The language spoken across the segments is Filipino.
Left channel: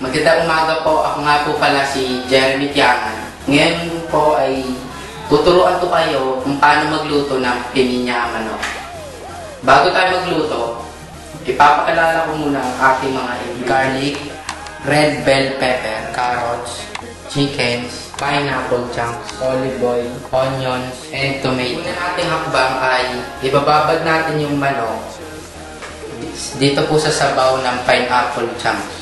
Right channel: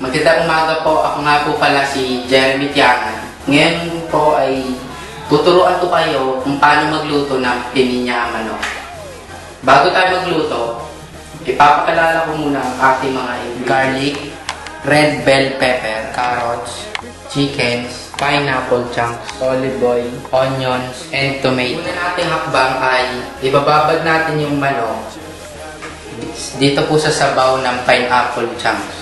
Magandang umaga po. Ako nga po pala si Jeremy Tiangan. Ngayon po ay tuturuan ko kayo kung paano magluto ng pininya manok. Bago tayo magluto, ipapakilala ko muna ang ating mga ingredients. Garlic, red bell pepper, carrots, chickens, pineapple chunks, olive oil, onions, and tomato. Una nating hakbang ay ibababad natin yung manok dito po sa sabaw ng pineapple chunks.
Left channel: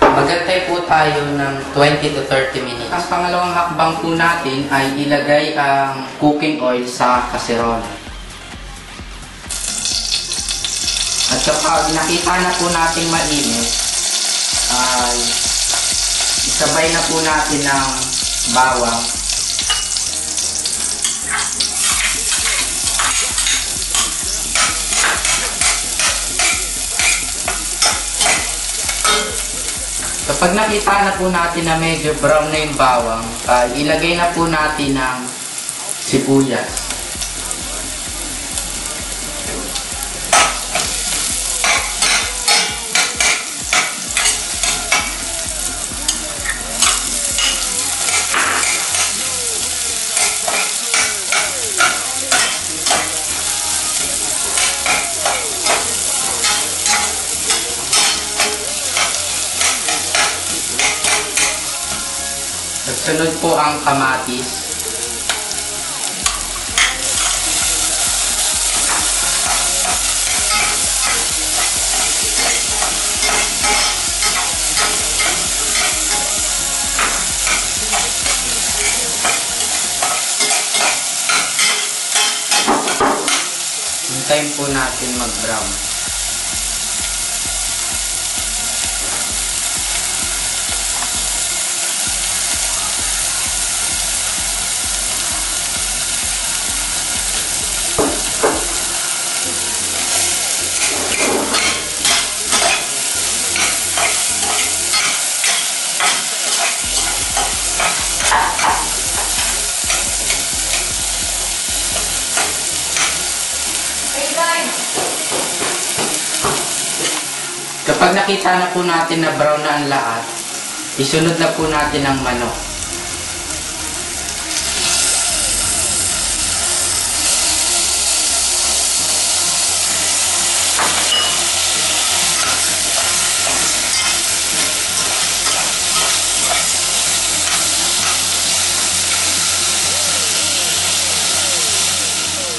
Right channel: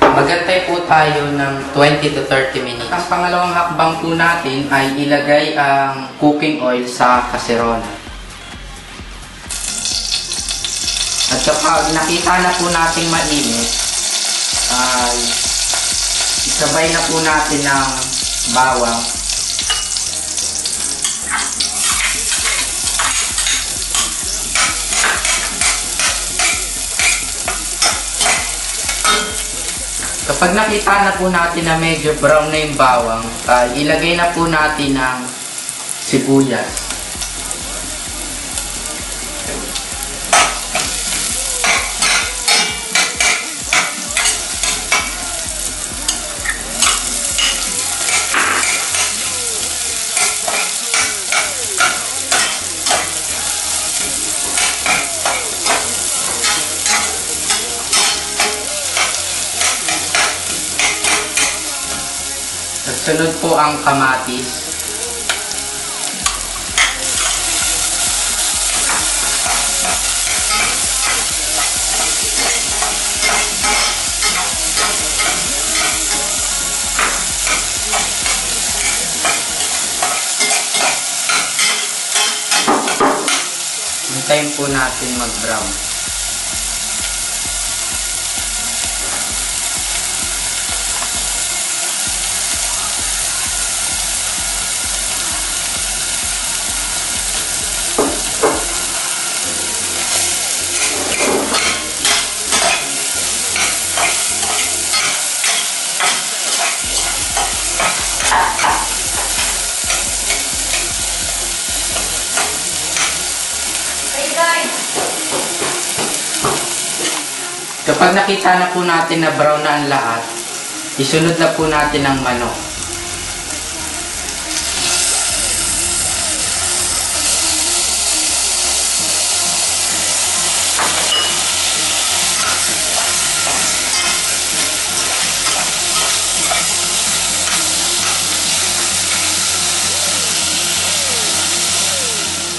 Magantay po tayo ng 20 to 30 minutes. Ang pangalawang hakbang po natin ay ilagay ang cooking oil sa kaserola. At kapag nakita na po natin mainit, ay isabay na po natin ng bawang. Kapag nakita na po natin na medyo brown na yung bawang, ilagay na po natin ang sibuyas. At sunod po ang kamatis. Hintayin po natin mag-brown. Kapag nakita na po natin na brown na ang lahat, isunod na po natin ang manok.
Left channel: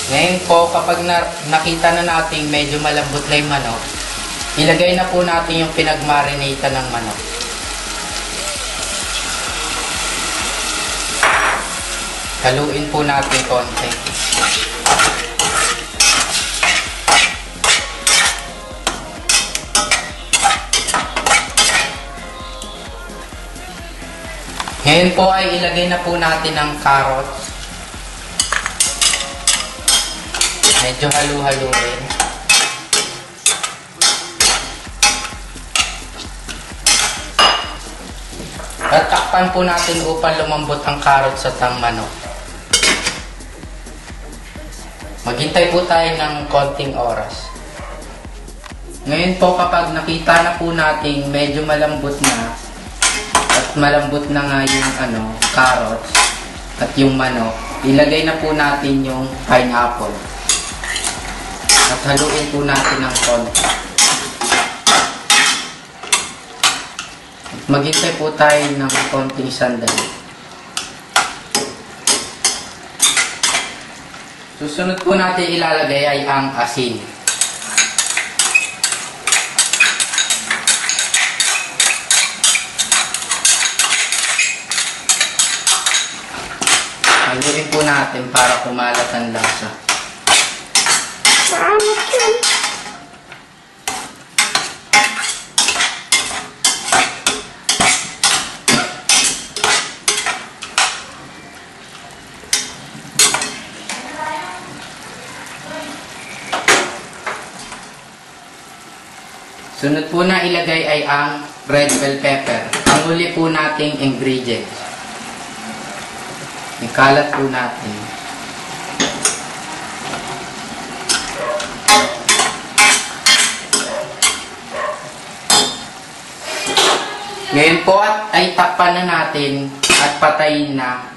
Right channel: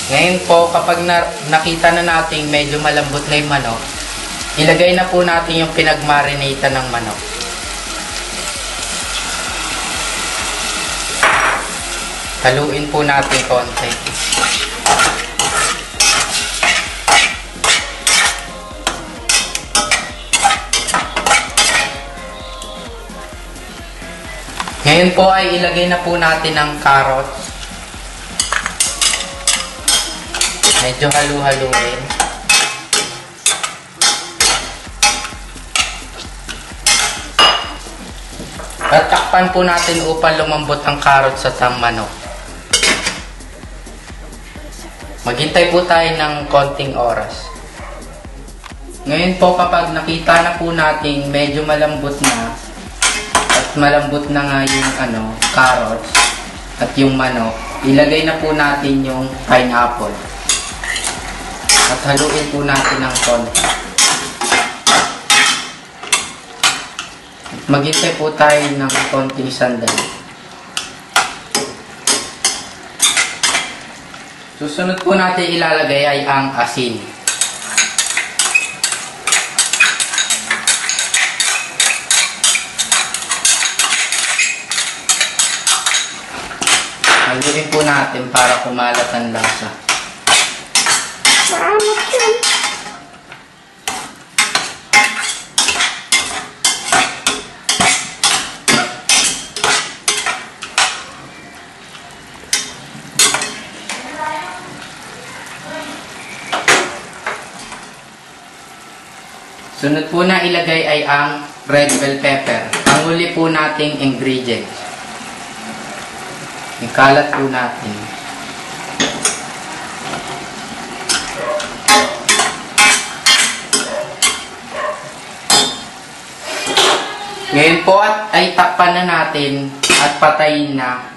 Ngayon po, kapag nakita na natin medyo malambot na yung manok, ilagay na po natin yung pinagmarinate ng manok. Haluin po natin konti. Ngayon po ay ilagay na po natin ang carrots. Medyo halu-haluin. At takpan po natin upang lumambot ang carrots at ang manok. Maghintay po tayo ng konting oras. Ngayon po, kapag nakita na po natin medyo malambot na at malambot na nga yung carrots at yung manok, ilagay na po natin yung pineapple. At haluin po natin ng konti. Maghintay po tayo ng konting sandali. Susunod po natin ilalagay ay ang asin. Haluin po natin para kumalat ang lasa. Sunod po na ilagay ay ang red bell pepper. Ang huli po nating ingredient. Ikalat po natin. Ngayon po ay takpan na natin at patayin na.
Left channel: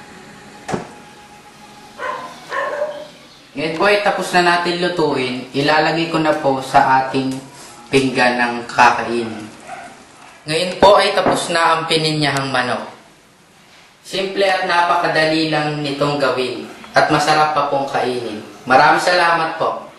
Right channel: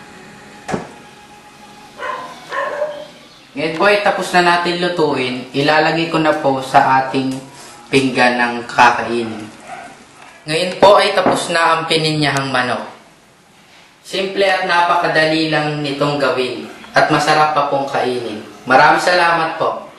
Ngayon po ay tapos na natin lutuin. Ilalagay ko na po sa ating pinggan ng kakainin. Ngayon po ay tapos na ang pininyahang manok. Simple at napakadali lang nitong gawin at masarap pa pong kainin. Maraming salamat po.